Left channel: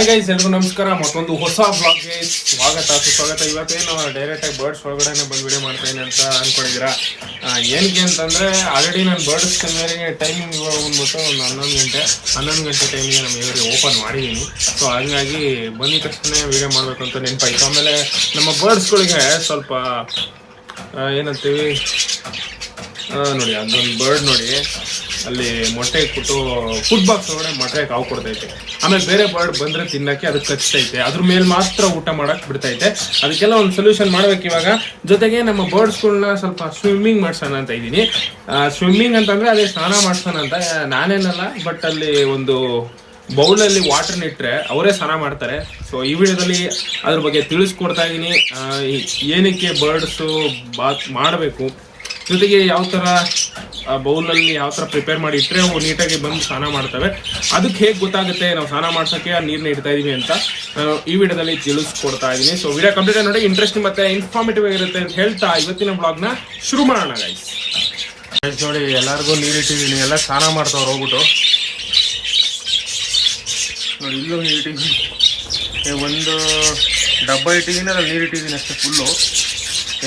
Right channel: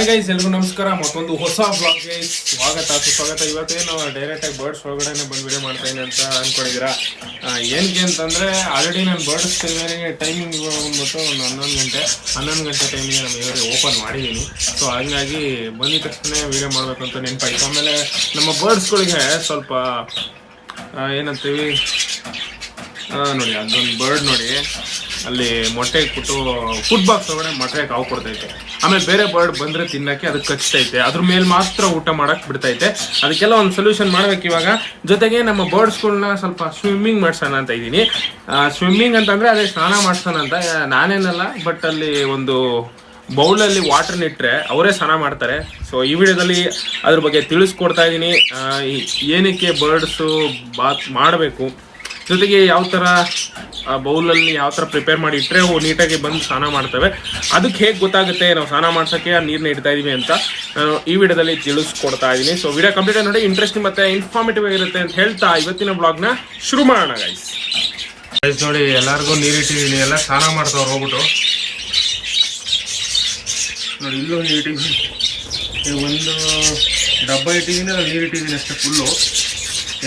Hi guys, ಎಲ್ರಿಗೂ ನಮಸ್ಕಾರ. ಮತ್ತೊಂದು ಹೊಸ ಬ್ಲಾಗ್ಗೆ ಸುಸ್ವಾಗತ. ಇವತ್ತೇನು ಡೈರೆಕ್ಟ್ ಆಗಿ ಬರ್ಡ್ಸ್ ಒಳಗಡೆ ಬಂದು ವಿಡಿಯೋ ಮಾಡ್ತೇನೆ ಅಂತ ಅನ್ಕೊಂಡಿದ್ದೀರಾ. ಏನಕ್ಕೆ ಅಂತಂದ್ರೆ ಆಲ್ರೆಡಿ ನಾನು ಬರ್ಡ್ಸ್ ಟೈಮಿಂಗ್ ಇವಾಗ ಬಂದ್ಬಿಟ್ಟು ಒಂದು 11 ಗಂಟೆ ಟೈಮಿಗೆ ನಮ್ಮ ಇವರಿಗೆ ಓಪನ್ ಮಾಡಿದ್ದೀನಿ. ಸೊ ಹಂಗಾಗಿ ಬಂದಿದ ತಕ್ಷಣ ವಿಡಿಯೋ ಮಾಡಬೇಕು ಅಂತ ನೆನಪಾಯ್ತು. ಆಮೇಲೆ ನಮ್ಮ ಬರ್ಡ್ಸ್ಗಳಿಗೆ ಸ್ವಲ್ಪ ಏನಂತೀವಿ ನೋಡಿ, ಅದೊಂದು ಬರ್ಡ್ ನೋಡಿ ಅಲ್ಲಿ ಮೊಟ್ಟೆ ಇಟ್ಬಿಟ್ಟು ಫುಡ್ ಬಾಕ್ಸ್ ಒಳಗಡೆ ಮೊಟ್ಟೆ ಕಾವು ಕೊಡ್ತೈತೆ. ಆಮೇಲೆ ಬೇರೆ ಬರ್ಡ್ ಬಂದ್ರೆ ತಿನ್ನಕ್ಕೆ ಅದಕ್ಕೆ ಕಚ್ತೈತೆ, ಅದ್ರ ಮೇಲೆ ಮಾತ್ರ ಊಟ ಮಾಡಕ್ ಬಿಡ್ತೈತೆ. ಅದಕ್ಕೆಲ್ಲ ಒಂದು ಸೊಲ್ಯೂಷನ್ ಮಾಡ್ಬೇಕು ಇವಾಗ. ಜೊತೆಗೆ ನಮ್ಮ ಬರ್ಡ್ಸ್ಗಳನ್ನ ಸ್ವಲ್ಪ ಸ್ವಿಮ್ಮಿಂಗ್ ಮಾಡ್ಸೋಣ ಅಂತ ಇದ್ದೀನಿ. ಸ್ವಿಮ್ಮಿಂಗ್ ಅಂತಂದ್ರೆ ಅದೇ ಸ್ನಾನ ಮಾಡ್ಸೋಣ ಅಂತ ನಾನೇನಲ್ಲ, ಬಟ್ ಅಲ್ಲಿ ಒಂದು ಬೌಲಲ್ಲಿ ವಾಟರ್ನ ಇಟ್ಟರೆ ಅವರೇ ಸ್ನಾನ ಮಾಡ್ತಾರೆ. ಸೊ ಈ ವಿಡಿಯೋದಲ್ಲಿ ಅದ್ರ ಬಗ್ಗೆ ತಿಳಿಸ್ಕೊಡ್ತಾ ಇದ್ದೀನಿ, ಏನಕ್ಕೆ ಬರ್ಡ್ಸು ಬಾತ್ ಮಾಡಬೇಕು, ಜೊತೆಗೆ ಯಾವ ಥರ ಬೌಲಲ್ಲಿ ಯಾವ ಥರ ಪ್ರಿಪೇರ್ ಮಾಡಿ ಇಟ್ಟರೆ ಅವು ನೀಟಾಗಿ ಬಂದು ಸ್ನಾನ ಮಾಡ್ತವೆ, ಅದಕ್ಕೆ ಹೇಗೆ ಗೊತ್ತಾಗುತ್ತೆ ನಾವು ಸ್ನಾನ ಮಾಡ್ಸೋಕ್ಕೆ ಆ ನೀರನ್ನ ಇಡ್ತಾ ಇದೀವಿ ಅಂತ ನಾನು ಈ ವಿಡಿಯೋದಲ್ಲಿ ತಿಳಿಸ್ಕೊಡ್ತಾ ಇದ್ದೀನಿ. ಸೊ ವಿಡಿಯೋ ಕಂಪ್ಲೀಟ್ ನೋಡಿ, ಇಂಟ್ರೆಸ್ಟಿಂಗ್ ಮತ್ತು ಇನ್ಫಾರ್ಮೇಟಿವ್ ಆಗಿರುತ್ತೆ ಅಂತ ಹೇಳ್ತಾ ಇವತ್ತಿನ ಬ್ಲಾಗ್ನ ಶುರು ಮಾಡೋಣ ಗೈಸ್. ನೋಡಿ, ಎಲ್ಲರಿಗೂ ನೀರಿಟ್ಟಿದ್ದೀನಿ, ಎಲ್ಲ ಸ್ನಾನ ಮಾಡ್ತಾವ್ರು ಹೋಗ್ಬಿಟ್ಟು. ನೋಡಿ, ಇಲ್ಲೂ ನೀರಿಟ್ಟಿದ್ದೀನಿ, ಒಂದು ಡಬ್ಬ ಇಟ್ಟಿದ್ದೀನಿ, ಅದ್ರಲ್ಲಿ ನೀರಿಟ್ಟಿದ್ದೀನಿ ಅಷ್ಟೇ ಫುಲ್ಲು.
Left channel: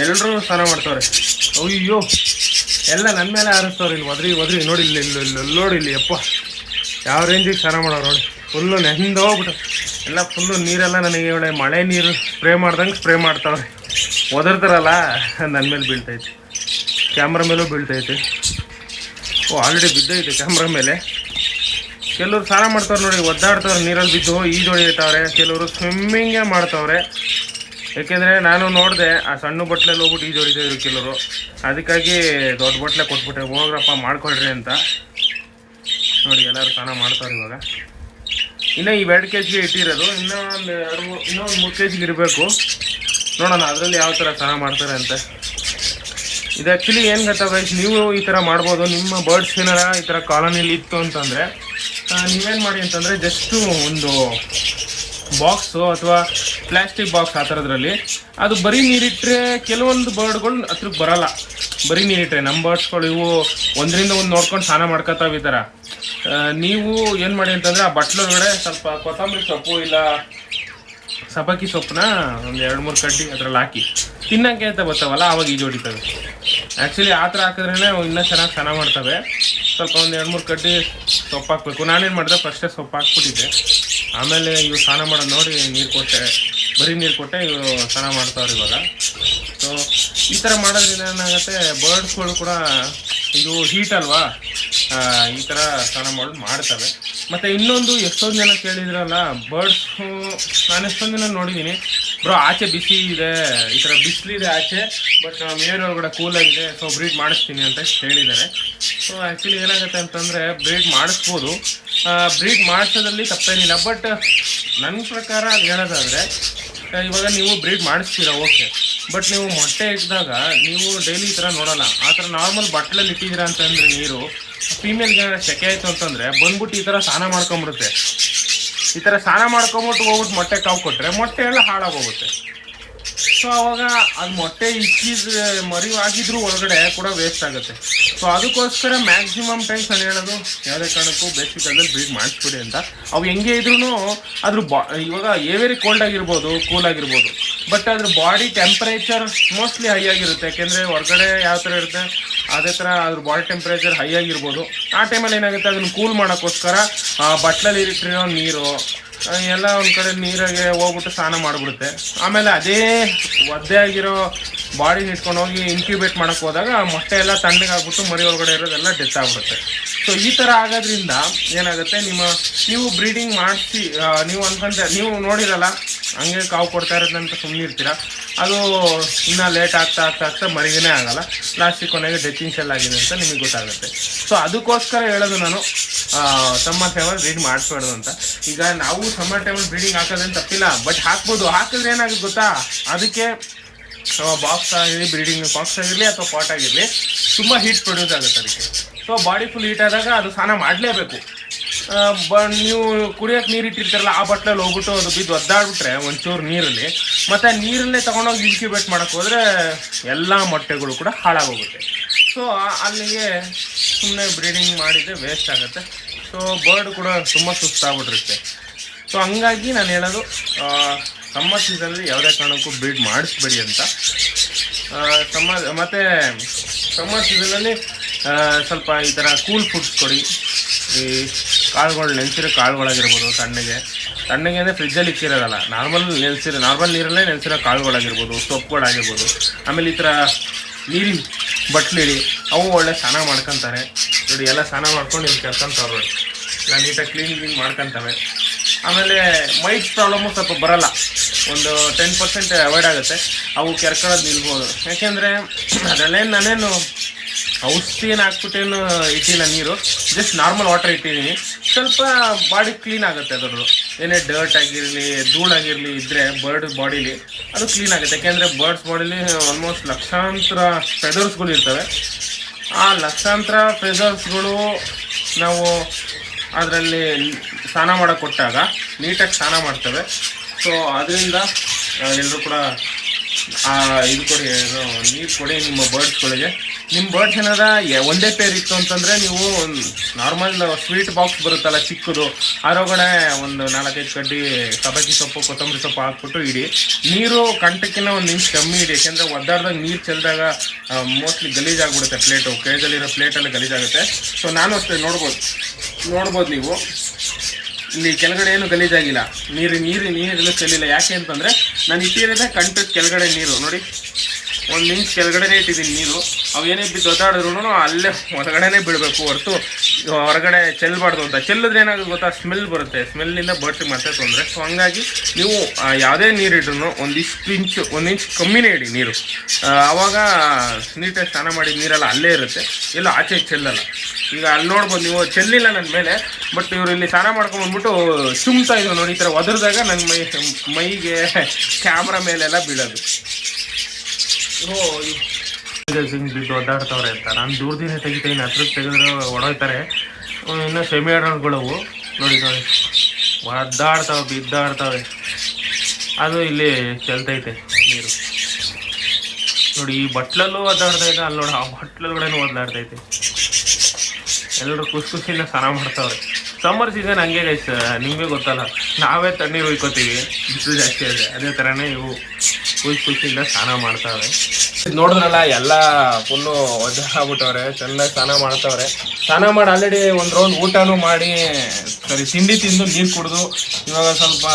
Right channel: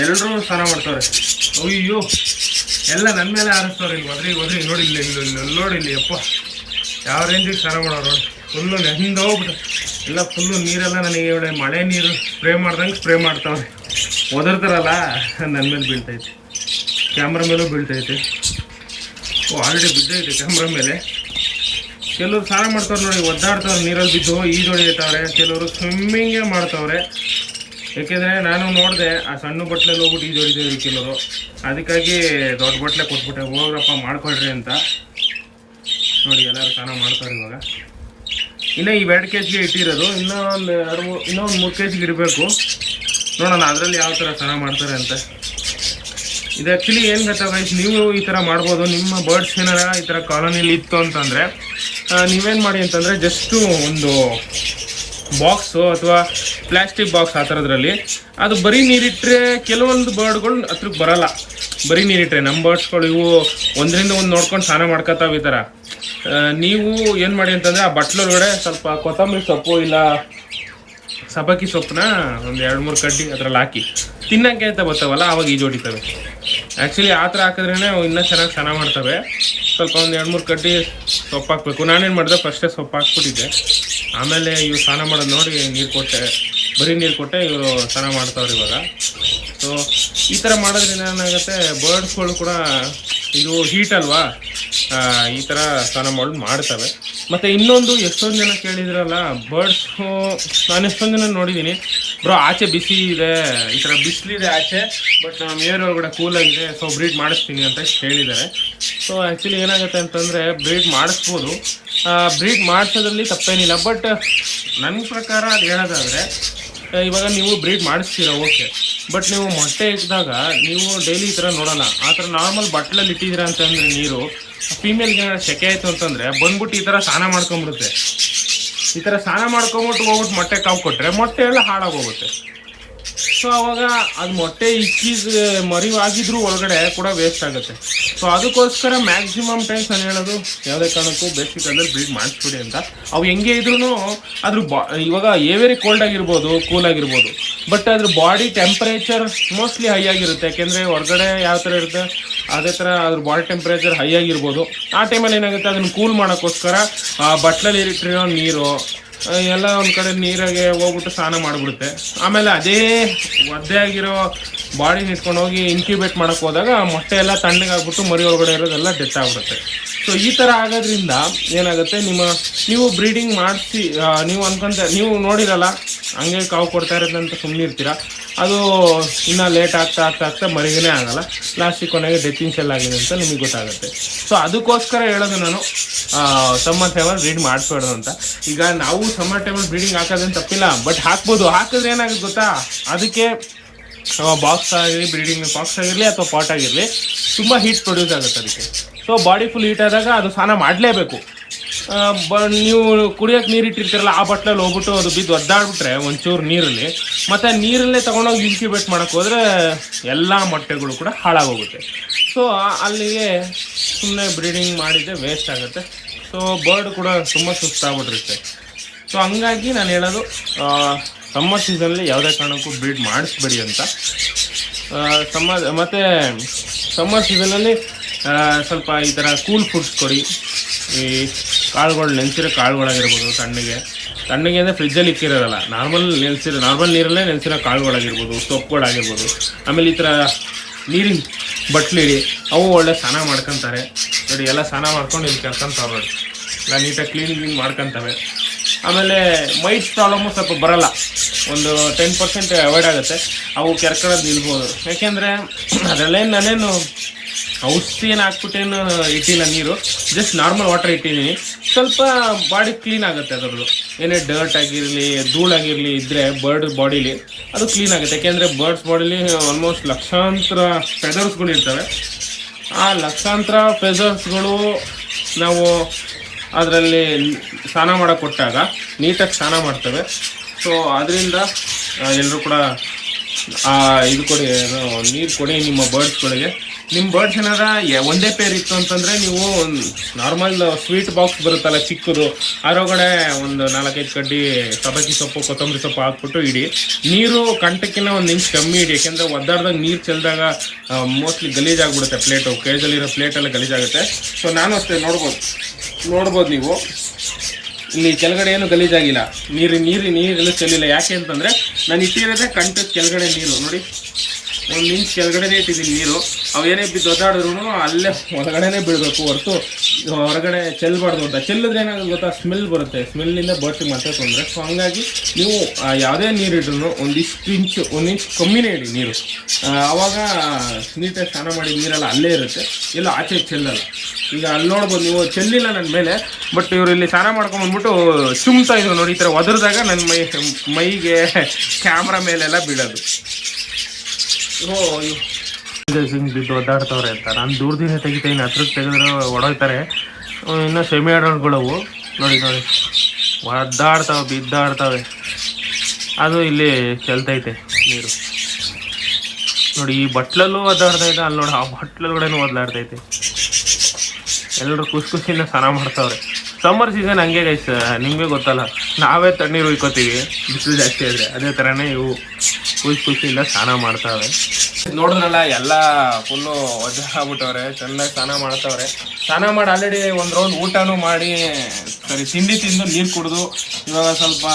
ಎಲ್ಲರೂ ಸ್ನಾನ ಮಾಡ್ತಾವ್ರೆ. ಅಯ್ಯೋ, ಎಲ್ಲ ನನ್ನ ಮೇಲೆ ಆರಿಸ್ತವ್ರೆ. ಇಲ್ಲಿ ಒದ್ರಿ ನೋಡಿ, ಇಲ್ಲಿ ನೋಡಿ, ಇಲ್ಲಿ ಅಪ್ಪ ಯಾವ ರೇಂಜಿಗೆ ಸ್ನಾನ ಮಾಡೋರು. ಫುಲ್ಲು ನೆಂದು ಹೋಗ್ಬಿಟ್ಟು ಎಲ್ಲ ಫುಲ್ಲು ನೀರೆಲ್ಲ ನನಗೆ ಒಳ್ಳೆ ಮಳೆ ನೀರು ಸ್ಪ್ರೇ ಮಾಡ್ದಂಗೆ ಸ್ಪ್ರೇ ಮಾಡ್ತಾವ್ರೆ. ಒದರ್ತಾರಲ್ಲ, ನನ್ನ ಮೇಲೆ ಬೀಳ್ತೈತೆ, ಕ್ಯಾಮ್ರಾ ಮೇಲೂ ಬೀಳ್ತೈತೆ. ಆಲ್ರೆಡಿ ಬಿದ್ದೈತೆ ಕ್ಯಾಮ್ರಾ ಮೇಲೆ. ಕೆಲವರು ಸ್ನಾನ ಮಾಡ್ತಾವ್ರೆ ನೋಡಿ, ಒದ್ದಾಡ್ತಾವ್ರೆ ನೀರಲ್ಲಿ ಬಿದ್ದು ಈಜೊಡಿತಾವ್ರೆ. ಕೆಲವರು ಸ್ವಿಮ್ಮಿಂಗೇ ಮಾಡ್ತಾವ್ರೆ. ಯಾಕೆಂದರೆ ನಾನು ನೋಡಿದೆ, ಆ ಸಣ್ಣ ಬಟ್ಲಲ್ಲಿ ಹೋಗ್ಬಿಟ್ಟು ಈಜೊಡಿತಿದ್ರು ಕೆಲವರು. ಅದಕ್ಕಾಗಿ ದೊಡ್ಡ ಬಟ್ಲೆ ಕೊಟ್ಬಿಟ್ಟೆ, ಹೋಗ್ರಪ್ಪ ಮಾಡ್ಕೊಳ್ರಿ ಅಂತ. ನೋಡಿ, ಎಲ್ಲರೂ ಸ್ನಾನ ಮಾಡ್ತಾರೆ ಇವಾಗ. ಇನ್ನೂ ಈ 2 kg ಇಟ್ಟಿರೋದು, ಇನ್ನೊಂದು 3 kg ಇರಬೇಕು. ನೋಡೋಣ ಅದರಲ್ಲಿ ಯಾವ ಥರ ಸ್ನಾನ ಮಾಡ್ತಾರೆ ಅಂತ. ಇದು ಆ್ಯಕ್ಚುಲಿ ಏನು ಗೊತ್ತಾ ಗೈಸ್, ನೀವು ಈ ಥರ ಮಾಡ್ಬೋದು. ನಿಮ್ಮ ಬರ್ಡ್ಸ್ ಏನಾರ ಈ ಥರ ಕಾಲೋನಿಯಲ್ಲಿ ಇತ್ತು ಅಂತಂದರೆ ನೀವೇನು ಮಾಡಿ ಅಂತಂದರೆ, ಜಸ್ಟು ಒಂದು ಬಾಕ್ಸು ಅಥವಾ ಪ್ಲಾಸ್ಟಿಕ್ ಬಾಕ್ಸ್ ಆ ಥರದ್ರಲ್ಲಿ ಅದು ಬರೀ ನೀರಿಟ್ಟರೆ ಕೆಲವೊಂದು ಬರ್ಡ್ಗಳು ಹತ್ರಕ್ಕೆ ಬರಲ್ಲ. ಬರೀ ನೀರಿಟ್ಟರೆ ನಮ್ಮ ಬರ್ಡ್ಸ್ಗಳು ಇವು ಒಂದರಿಂದ ಒಂದು ನೋಡ್ಕೊಂಡು ಸ್ನಾನ ಮಾಡ್ಕೊತಾವೆ ಈ ಥರ. ನೀವು ಏನು ಮಾಡಿ ಅಂತಂದರೆ, ಆ ಬಟ್ಲೊಳಗಡೆ ಸ್ವಲ್ಪ ಕೊತ್ತಂಬರಿ ಸೊಪ್ಪು ಇಲ್ಲ ಸಬ್ಬಕ್ಕಿ ಸೊಪ್ಪನ್ನ ಒಂದು 2-3 ಕಡ್ಡಿ ಅದ್ರಲ್ಲಿ ಹಾಕಿ ತಿನ್ನೋಕ್ಕೆ ಅಂತ ಬರ್ತಾವಲ್ಲ, ಆವಾಗ ಈಜೊಡಿತವೆ. ಆ್ಯಕ್ಚುಲಿ ಆ ಥರ ಹಾಕಿದ್ರೇ ಇನ್ನೂ ಚೆನ್ನಾಗಿ ಸ್ನಾನ ಮಾಡ್ತವೆ. ಸ್ವಲ್ಪ ಒಂದು 2-3 ಕಡ್ಡಿ ಸೊಪ್ಪು ಹಾಕಬೇಕು. ನಾನೇನು ಮಾಡಿದೆ, ಫಸ್ಟೇ ಸೊಪ್ಪು ಹಾಕ್ಬಿಟ್ಟಿದ್ದೆ. ಆಮೇಲೆ ಇವು ಸ್ನಾನ ಮಾಡೋದು ನೋಡಿ ನೀರು ಕೊಟ್ಟೆ, ಬರೀ ನೀರು ಕೊಟ್ಟೆ ಇವರು ಸ್ನಾನ ಮಾಡ್ತಾವ್ರು ಇವಾಗ. ಸೊ ಈ ಥರ ಮಾಡೋದ್ರಿಂದ ಏನಾಗುತ್ತೆ, ಬರ್ಡ್ಸ್ಗಳು ಕೂಡ ಇದು ಹೀಟ್ ಅಲ್ವಾ, ಈ ಥರ ಸ್ನಾನ ಮಾಡೋದು ಮಾಡ್ತವೆ. ಮತ್ತು ಇನ್ನೊಂದು, ಎಷ್ಟೊಂದು ಜನ ಕೇಳಿದ್ರಲ್ಲ ಬರ್ಡ್ಸು, ನಾನು ಎಷ್ಟೊಂದು ಜನ ನೋಡಿದ್ದೀನಿ, ಬ್ರೋ ಆಚೆ ಬಿಸಿ ಇದೆ, ಈ ಥರ ಬಿಸಿಲಿದೆ ಆಚೆ, ಬಟ್ ನಮ್ಮ ಏರ್ ಒಳಗಡೆ ಕೂಲಾಗಿದೆ, ಸೊ ಬ್ರೀಡ್ ಮಾಡಿಸ್ತೀನಿ ಅಂತ ಹೇಳಿದ್ದಾರೆ. ಸೊ ಆ್ಯಕ್ಚುಲಿ ಏನಾಗುತ್ತೆ ಅಂತಂದರೆ, ಬ್ರೀಡ್ ಮಾಡಿಸ್ಬೋದು, ಬ್ರೀಡ್ ಮಾಡಿಸೋದ್ರಲ್ಲಿ ತಪ್ಪೇನಿಲ್ಲ. ಬಟ್ ನನ್ನ ಪ್ರಕಾರ ಅದು ಹೇಳೋದಾದರೆ, ಇವಾಗ ನೀವು ಬ್ರೀಡ್ ಮಾಡಿಸ್ತೀರ ಓಕೆ, ಬಟ್ ನೀವು ಮೊಟ್ಟೆ ಇಟ್ಟಿದಾಗ ನೀವು ಡೈಲಿ ಈ ಥರ ನೋಡೋಣ. ಆ ಥರ ನಾರ್ಮಲ್ ಬಟ್ಲಲ್ಲಿ ಇಟ್ಟಿದ್ದೀರಾ ಅಂತಂದರೆ ನೀರು, ಫೀಮೇಲ್ಗೆ ಸೆಕೆ ಆಯಿತು ಅಂತಂದರೆ ಬಂದ್ಬಿಟ್ಟು ಈ ಥರ ಸ್ನಾನ ಮಾಡ್ಕೊಂಬಿಡುತ್ತೆ. ಈ ಥರ ಸ್ನಾನ ಮಾಡ್ಕೊಂಬಿಟ್ಟು ಹೋಗ್ಬಿಟ್ಟು ಮೊಟ್ಟೆ ಕಾವು ಕೊಟ್ಟರೆ ಮೊಟ್ಟೆ ಎಲ್ಲ ಹಾಳಾಗೋಗುತ್ತೆ. ಸೊ ಅವಾಗ ಅದು ಮೊಟ್ಟೆ ಇಕ್ಕಿದ ಮರಿ ಆಗಿದ್ರು ಒಳಗಡೆ ಕೂಡ ವೇಸ್ಟ್ ಆಗುತ್ತೆ. ಸೊ ಅದಕ್ಕೋಸ್ಕರ ಮ್ಯಾಕ್ಸಿಮಮ್ ಟೈಮ್ಸ್ ನಾನು ಹೇಳೋದು, ಯಾವುದೇ ಕಾರಣಕ್ಕೂ ಬೇಸಿಕಲ್ಲಿ ಬ್ರೀಡ್ ಮಾಡಿಸ್ಬಿಡಿ ಅಂತ. ಅವು ಹೆಂಗೆ ಇದ್ರೂ ಅದ್ರ ಇವಾಗ ಏವೇರಿ ಕೋಲ್ಡ್ ಆಗಿರ್ಬೋದು, ಕೂಲ್ ಆಗಿರ್ಬೋದು, ಬಟ್ ಅದ್ರ ಬಾಡಿ ಟೆಂಪ್ರೇಚರ್ ಮೋಸ್ಟ್ಲಿ ಹೈ ಆಗಿರುತ್ತೆ. ಯಾಕೆಂದರೆ ಹೊರಗಡೆ ಯಾವ ಥರ ಇರುತ್ತೆ ಅದೇ ಥರ ಅದ್ರ ಬಾಡಿ ಟೆಂಪ್ರೇಚರ್ ಹೈ ಆಗಿರ್ಬೋದು. ಆ ಟೈಮಲ್ಲಿ ಏನಾಗುತ್ತೆ, ಅದನ್ನು ಕೂಲ್ ಮಾಡೋಕ್ಕೋಸ್ಕರ ಬಟ್ಲಲ್ಲಿ ಇಟ್ಟಿರೋ ನೀರು ಎಲ್ಲ ಒಂದು ಕಡೆ ನೀರಾಗೆ ಹೋಗ್ಬಿಟ್ಟು ಸ್ನಾನ ಮಾಡಿಬಿಡುತ್ತೆ. ಆಮೇಲೆ ಅದೇ ಒದ್ದೆ ಆಗಿರೋ ಬಾಡಿನ ಇಟ್ಕೊಂಡು ಹೋಗಿ ಇನ್ಕ್ಯುಬೇಟ್ ಮಾಡೋಕ್ಕೆ ಹೋದಾಗ ಮೊಟ್ಟೆ ಎಲ್ಲ ತಣ್ಣಗಾಗ್ಬಿಟ್ಟು ಮರಿ ಒಳಗಡೆ ಇರೋದೆಲ್ಲ ಡೆತ್ ಆಗಿಬಿಡುತ್ತೆ. ಸೊ ಈ ಥರ ಆಗೋದ್ರಿಂದ ಏನಾಗುತ್ತೆ, ನೀವು ಬ್ರೀಡಿಂಗ್ ಮಾಡಿಸಿ ನೀವು ನೀವು ನೋಡಿರಲ್ಲ, ಹಂಗೆ ಕಾವು ಕೊಡ್ತಾ ಇರೋದಂತ ಸುಮ್ಮನೆ ಇರ್ತೀರ. ಅದು ಇನ್ನೂ ಲೇಟ್ ಆಗ್ತಾ ಮರಿಗೇ ಆಗಲ್ಲ, ಲಾಸ್ಟಿಗೆ ಕೊನೆಗೆ ಡೆತ್ತಿಂಗ್ ಸೆಲ್ ಆಗಿದೆ ಅಂತ ನಿಮಗೆ ಗೊತ್ತಾಗುತ್ತೆ. ಸೊ ಅದಕ್ಕೋಸ್ಕರ ಹೇಳೋದು ನಾನು, ಸಮ್ಮರ್ ಟೈಮಲ್ಲಿ ಬ್ರೀಡ್ ಮಾಡಿಸ್ಬಾರ್ದು ಅಂತ. ಈಗ ನಾವು ಸಮ್ಮರ್ ಟೈಮಲ್ಲಿ ಬ್ರೀಡಿಂಗ್ ಹಾಕೋದೇನು ತಪ್ಪಿಲ್ಲ, ಬಟ್ ಹಾಕ್ಬೋದು. ಹಾಕಿದ್ರೆ ಏನಾಗುತ್ತೆ ಗೊತ್ತಾ, ಅದಕ್ಕೆ ಬಾಕ್ಸ್ ಆಗಿರಲಿ, ಬ್ರೀಡಿಂಗ್ ಬಾಕ್ಸ್ ಆಗಿರಲಿ ಅಥವಾ ಪಾಟ್ ಆಗಿರಲಿ, ತುಂಬ ಹೀಟ್ ಪ್ರೊಡ್ಯೂಸ್ ಆಗುತ್ತೆ ಅದಕ್ಕೆ. ಸೊ ಬಾಡಿ ಫುಲ್ ಹೀಟ್ ಆದಾಗ ಅದು ಸ್ನಾನ ಮಾಡಲೇಬೇಕು. ನೀವು ಕುಡಿಯೋಕೆ ನೀರು ಇಟ್ಟಿರ್ತೀರಲ್ಲ, ಆ ಬಟ್ಲಲ್ಲಿ ಹೋಗ್ಬಿಟ್ಟು ಅದು ಬಿದ್ದು ಒದ್ದಾಡ್ಬಿಟ್ರೆ ಒಂಚೂರು ನೀರಲ್ಲಿ, ಮತ್ತು ನೀರಲ್ಲೇ ತೊಗೊಂಡೋಗಿ ಇನ್ಕ್ಯುಬೇಟ್ ಮಾಡೋಕ್ಕೆ ಹೋದರೆ ಎಲ್ಲ ಮೊಟ್ಟೆಗಳು ಕೂಡ ಹಾಳಾಗೋಗುತ್ತೆ. ಸೊ ಅಲ್ಲಿಗೆ ಸುಮ್ಮನೆ ಬ್ರೀಡಿಂಗ್ ಮಾಡಿದರೆ ವೇಸ್ಟ್ ಆಗುತ್ತೆ. ಸೊ ಬರ್ಡ್ ಕೂಡ ತುಂಬ ಸುಸ್ತಾಗ್ಬಿಟ್ಟಿರುತ್ತೆ. ಸೊ ಹಂಗಾಗಿ ನಾನು ಹೇಳೋದು ಸಮ್ಮರ್ ಸೀಸನಲ್ಲಿ ಯಾವುದೇ ಕಾರಣಕ್ಕೂ ಬ್ರೀಡ್ ಮಾಡಿಸ್ಬೇಡಿ ಅಂತ. ಮತ್ತು ಸಮ್ಮರ್ ಸೀಸನಲ್ಲಿ ಸ್ವಲ್ಪ ಈ ಥರ ಕೂಲ್ ಫುಡ್ಸ್ ಕೊಡಿ. ಈ ಕಾಳುಗಳು, ನೆನೆಸಿರೋ ಕಾಳುಗಳಾಗಿರ್ಬೋದು, ತಣ್ಣಗೆ ಅಂದರೆ ಫ್ರಿಜ್ಜಲ್ಲಿ ಇಕ್ಕಿರೋದಲ್ಲ, ನಾರ್ಮಲ್ ನೀರಲ್ಲೇ ನೆನೆಸಿರೋ ಕಾಳುಗಳಾಗಿರ್ಬೋದು, ಸೊಪ್ಪುಗಳಾಗಿರ್ಬೋದು. ಆಮೇಲೆ ಈ ಥರ ನೀರಿನ ಬಟ್ಲಿಡಿ, ಅವು ಒಳ್ಳೆ ಸ್ನಾನ ಮಾಡ್ಕೊತಾರೆ ನೋಡಿ. ಎಲ್ಲ ಸ್ನಾನ ಮಾಡ್ಕೊಂಡು ಇಲ್ಲಿ ಕೆರ್ಕೊಂತಾವೆ, ಎಲ್ಲ ನೀಟಾಗಿ ಕ್ಲೀನಿಂಗ್ ಮಾಡ್ಕೊತವೆ. ಆಮೇಲೆ ಮೈಟ್ಸ್ ಪ್ರಾಬ್ಲಮ್ಮು ಸ್ವಲ್ಪ ಬರೋಲ್ಲ, ಒಂದು 10% ಅವಾಯ್ಡ್ ಆಗುತ್ತೆ. ಅವು ಕೆರ್ಕೊಳ್ಳೋದು ನಿಲ್ಬೋದು. ಯಾಕೆಂದರೆ ಅದರಲ್ಲೇನು ನಾನೇನು ಔಷಧಿ ಏನು ಹಾಕ್ಬಿಟ್ಟೇನು ಇಟ್ಟಿಲ್ಲ, ನೀರು ಜಸ್ಟ್ ನಾರ್ಮಲ್ ವಾಟರ್ ಇಟ್ಟಿದ್ದೀನಿ. ಸ್ವಲ್ಪ ಬಾಡಿ ಕ್ಲೀನ್ ಆಗುತ್ತೆ ಅದರದ್ದು. ಏನೇ ಡರ್ಟ್ ಆಗಿರಲಿ, ಧೂಳಾಗಿರಲಿ ಇದ್ದರೆ ಬರ್ಡ್ ಬಾಡಿಲಿ ಅದು ಕ್ಲೀನ್ ಆಗುತ್ತೆ. ಯಾಕೆಂದರೆ ಬರ್ಡ್ಸ್ ಬಾಡಿಲಿ ಆಲ್ಮೋಸ್ಟ್ ಲಕ್ಷಾಂತರ ಫೆದರ್ಸ್ಗಳು ಇರ್ತವೆ. ಆ ಲಕ್ಷಾಂತರ ಫೆದರ್ಸ್ಗಳು ನಾವು ಅದರಲ್ಲಿ ಸ್ನಾನ ಮಾಡೋಕ್ಕೆ ಕೊಟ್ಟಾಗ ನೀಟಾಗಿ ಸ್ನಾನ ಮಾಡ್ತವೆ. ಸೊ ಅದರಿಂದ ಎಲ್ಲರೂ ಕೂಡ ಇದು ಕೊಡಿ, ನೀರು ಕೊಡಿ ನಿಮ್ಮ ಬರ್ಡ್ಸ್ಗಳಿಗೆ. ನಿಮ್ಮ ಬರ್ಡ್ಸ್ ಏನಾರ ಒಂದೇ ಪೇರ್ ಇತ್ತು ಅಂತಂದರೆ ನೀವು ನಾರ್ಮಲ್ ಸ್ವೀಟ್ ಬಾಕ್ಸ್ ಬರುತ್ತಲ್ಲ ಚಿಕ್ಕದು, ಅದರೊಳಗಡೆ ಒಂದು 4-5 ಕಡ್ಡಿ ಸಬ್ಬಕ್ಕಿ ಸೊಪ್ಪು, ಕೊತ್ತಂಬರಿ ಸೊಪ್ಪು ಹಾಕ್ಬಿಟ್ಟು ಇಡಿ. ನೀರು ಕಂಟಕ್ಕಿಂತ ಒಂದು ನಿಮಿಷ ಕಮ್ಮಿ ಇಡಿ. ಯಾಕೆಂದರೆ ಒದ್ದಾಡ್ದಾಗ ನೀರು ಚೆಲ್ಲಿದಾಗ ಮೋಸ್ಟ್ಲಿ ಗಲೀಜಾಗ್ಬಿಡುತ್ತೆ ಪ್ಲೇಟು, ಕೇಜಲ್ಲಿರೋ ಪ್ಲೇಟೆಲ್ಲ ಗಲೀಜಾಗುತ್ತೆ. ಸೊ ನಾನು ಅಷ್ಟೇ ನೋಡ್ಬೋದು ನೀವು ಇಲ್ಲಿ ಕೆಳಗಡೆ ಏನು ಗಲೀಜಾಗಿಲ್ಲ, ನೀರೆಲ್ಲ ಚೆಲ್ಲಿಲ್ಲ. ಯಾಕೆ ಅಂತಂದರೆ ನಾನು ಇಟ್ಟಿರೋದೇ ಕಂಟಕ್ಕೆ ಕೆಳಗಡೆ ನೀರು ನೋಡಿ, 1 ಇಂಚ್ ಕೆಳಗಡೆನೇ ಇಟ್ಟಿದ್ದೀನಿ ನೀರು. ಅವೇನೇ ಬಿದ್ದು ಒದ್ದಾಡಿದ್ರು ಅಲ್ಲೇ ಹೊರಗಡೆನೇ ಬೀಳಬೇಕು ಹೊರತು ಹೊರಗಡೆ ಚೆಲ್ಲಬಾರ್ದು ಅಂತ. ಚೆಲ್ಲಿದ್ರೆ ಏನಾಗುತ್ತೆ ಗೊತ್ತಾ, ಸ್ಮೆಲ್ ಬರುತ್ತೆ, ಸ್ಮೆಲ್ಲಿಂದ ಬರ್ಡ್ಸಿಗೆ ಮತ್ತೆ ತೊಂದರೆ. ಸೊ ಹಂಗಾಗಿ ನೀವು ಯಾವುದೇ ನೀರು ಇಟ್ರು 1 ಇಂಚ್ ಕಮ್ಮಿನೇ ಇಡಿ ನೀರು. ಆವಾಗ ನೀಟಾಗಿ ಸ್ನಾನ ಮಾಡಿ ನೀರೆಲ್ಲ ಅಲ್ಲೇ ಇರುತ್ತೆ, ಎಲ್ಲ ಆಚೆ ಚೆಲ್ಲಲ್ಲ. ಈಗ ಅಲ್ಲಿ ನೋಡ್ಬೋದು ನೀವು, ಚೆಲ್ಲಿಲ್ಲ ನನ್ನ ಮೇಲೆ, ಬಟ್ ಇವರು ಇಲ್ಲಿ ಸ್ನಾನ ಮಾಡ್ಕೊಂಡ್ಬಂದ್ಬಿಟ್ಟು ಚುಮ್ತಾ ಇದ್ರು ನೋಡಿ. ಈ ಥರ ಒದರಿದಾಗ ನನ್ನ ಮೈಗೆ ಕ್ಯಾಮ್ರಾ ಮೇಲೆಲ್ಲ ಬೀಳೋದು. ಬಿದ್ದು ಒದ್ದಾಡ್ತವ್ರೆ ಅಂತ ನಾನು ದೂರದಿಂದ ತೆಗಿತೀನಿ, ಹತ್ರಕ್ಕೆ ತೆಗೆದ್ರೆ ಹೊಡೋಯ್ತಾರೆ. ಇನ್ನು ಸೆಮಿ ಆಡೋಣಗಳವು ನೋಡಿ ಒದ್ದಾಡ್ತಾವೆ, ಬಿದ್ದಾಡ್ತವೆ. ಅದು ಇಲ್ಲಿ ಚೆಲ್ತೈತೆ ನೀರು ನೋಡಿ. ಈ ಬಟ್ಲಲ್ಲೂ ಒದ್ದಾಡ್ತೈತೆ, ಅಲ್ಲಿ ನೋಡಿ ಆ ಬಟ್ಲೊಳಗಡೆನೂ ಒದ್ದಾಡ್ತೈತೆ. ಎಲ್ಲರೂ ಖುಷಿಯಿಂದ ಸ್ನಾನ ಮಾಡ್ತಾವ್ರೆ. ಸಮ್ಮರ್ ಸೀಸನ್ ಹಂಗೆ ಗೈಸ್, ನಿಮಗೆ ಗೊತ್ತಲ್ಲ, ನಾವೇ ತಣ್ಣೀರು ಉಯ್ಕೋತೀವಿ ಬಿಸಿಲು ಜಾಸ್ತಿ ಆದರೆ, ಅದೇ ಥರನೇ ಇವು ಖುಷಿಯಿಂದ ಸ್ನಾನ ಮಾಡ್ತಾವೆ. ನೋಡಿದ್ರಲ್ಲ, ಎಲ್ಲ ಫುಲ್ಲು ಒದ್ದಾಗ್ಬಿಟ್ಟವ್ರೆ, ಚೆನ್ನಾಗಿ ಸ್ನಾನ ಮಾಡ್ತಾವ್ರೆ. ಸ್ನಾನ ಮಾಡಿ ಆಲ್ರೆಡಿ ಒಂದು ರೌಂಡ್ ಊಟನೂ ಮಾಡಿ ಸರಿ ತಿಂಡಿ ತಿಂದು ನೀರು ಕುಡಿದು ಇವಾಗ ಸ್ವಲ್ಪ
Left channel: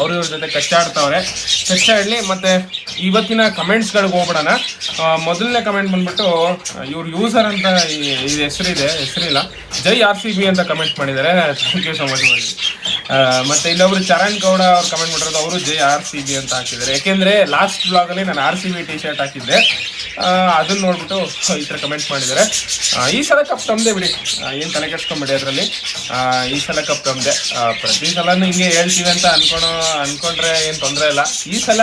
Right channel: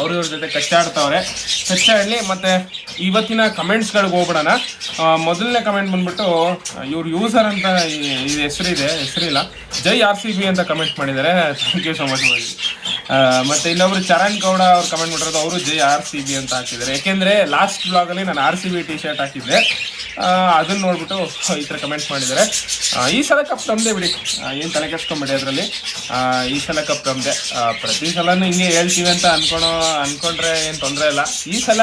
ಅವ್ರವ್ರ ಜೊತೆ ಕಚ್ಚಾಡಲಿ. ಮತ್ತು ಇವತ್ತಿನ ಕಮೆಂಟ್ಸ್ಗಳಿಗೆ ಹೋಗ್ಬಿಡೋಣ. ಮೊದಲನೇ ಕಮೆಂಟ್ ಬಂದ್ಬಿಟ್ಟು ಇವ್ರು ಯೂಸರ್ ಅಂತ ಇದು ಹೆಸರಿಲ್ಲ, ಜೈ RCB ಅಂತ ಕಮೆಂಟ್ ಮಾಡಿದ್ದಾರೆ. ಥ್ಯಾಂಕ್ ಯು ಸೊ ಮಚ್ ಮಾಡಿ. ಮತ್ತು ಇನ್ನೊಬ್ರು ಚರಣ್ ಗೌಡ ಅವ್ರು ಕಮೆಂಟ್ ಮಾಡಿರೋದು, ಅವರು ಜೈ RCB ಅಂತ ಹಾಕಿದ್ದಾರೆ. ಯಾಕೆಂದರೆ ಲಾಸ್ಟ್ ಬ್ಲಾಗಲ್ಲಿ ನಾನು RCB ಟಿ ಶರ್ಟ್ ಹಾಕಿದ್ದೆ, ಅದನ್ನು ನೋಡ್ಬಿಟ್ಟು ಈ ಥರ ಕಮೆಂಟ್ ಮಾಡಿದ್ದಾರೆ. ಈ ಸಲ ಕಪ್ ನಮ್ಮದೇ ಬಿಡಿ, ಏನು ತಲೆ ಕೆಡ್ಸ್ಕೊಂಬಿಡಿ ಅದರಲ್ಲಿ. ಈ ಸಲ ಕಪ್ ನಮ್ಮದೇ. ಪ್ರತಿ ಸಲನೂ ಹಿಂಗೆ ಹೇಳ್ತೀವಿ ಅಂತ ಅಂದ್ಕೊಂಡ್ರೆ ಏನು ತೊಂದರೆ ಇಲ್ಲ. ಈ ಸಲ